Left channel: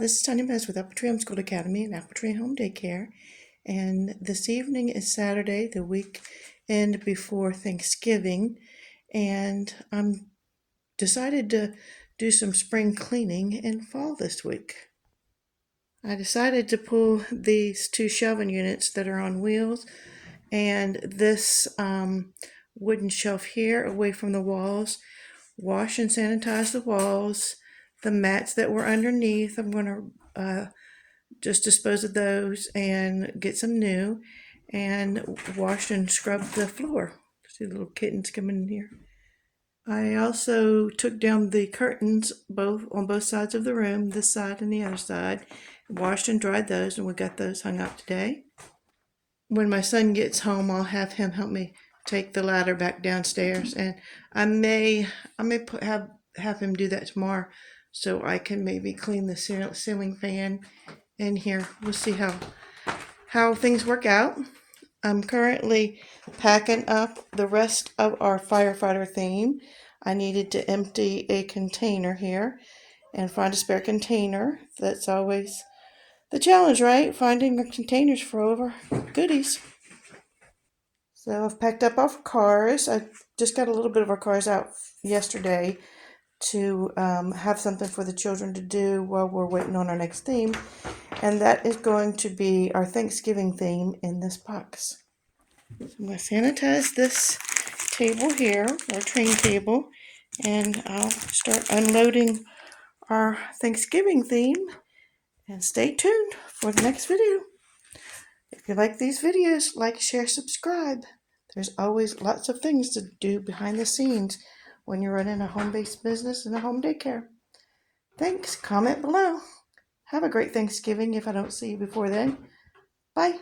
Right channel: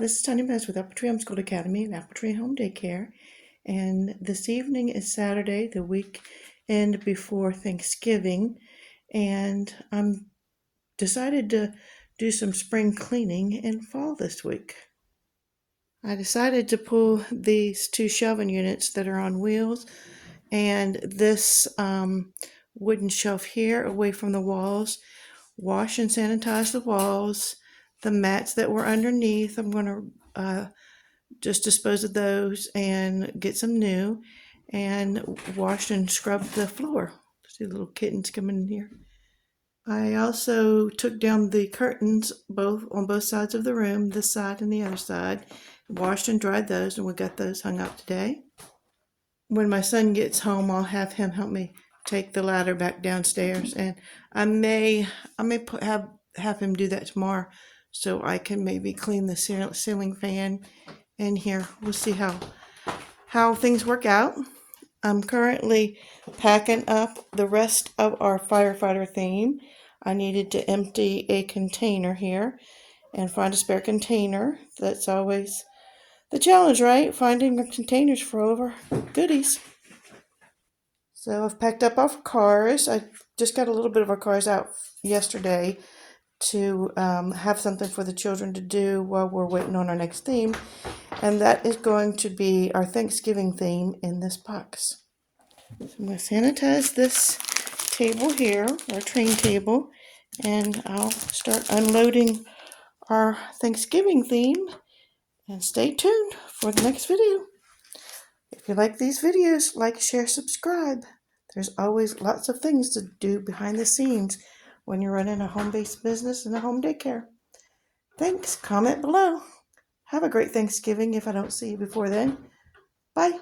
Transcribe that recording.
This is Tanya Mez with Apple Tree Homeschool Academy and Apple Tree Home Daycare. And this evening is Saturday, the weekend before Thanksgiving. And I'm decided to do some spring cleaning in fall this week. I decided to pull these two shelving units that are on wheels and this wooden shelf here away from the walls, wash and sanitize the walls. The mats that were underneath, I'm going to just dispose of those and get some new, and wash and scrub the floor. See little kittens coming in here. I also took down the curtains on both sides of the room, this side and the other side, washed and dried those, and we got those hung up today. When my son gets home, I'll have him help me take the ladder back downstairs, and I may have him do that tomorrow, so I can maybe clean the ceiling fan in here. We'll see how things work out. I'm currently packing up the rest of our firefighter theme. I needed to empty a container here and find a spare container. That's always the challenge, right? Finding the containers for all of our goodies. So I've packed up our cars. I just got a little bit of our cars out yesterday to have something for the children to do while we're waiting on our next theme. And that is going to be our Thanksgiving theme in this box. So I'm going to sanitize this table here, our train table, and I'll start unloading our Thanksgiving theme. And stay tuned for the next video. If you like these videos, like, share, subscribe. There's always lots of things to do behind the scenes when you're running a home-based business and a home daycare. Thanks. Comment below. Have a great Thanksgiving if I don't see you before then. Bye.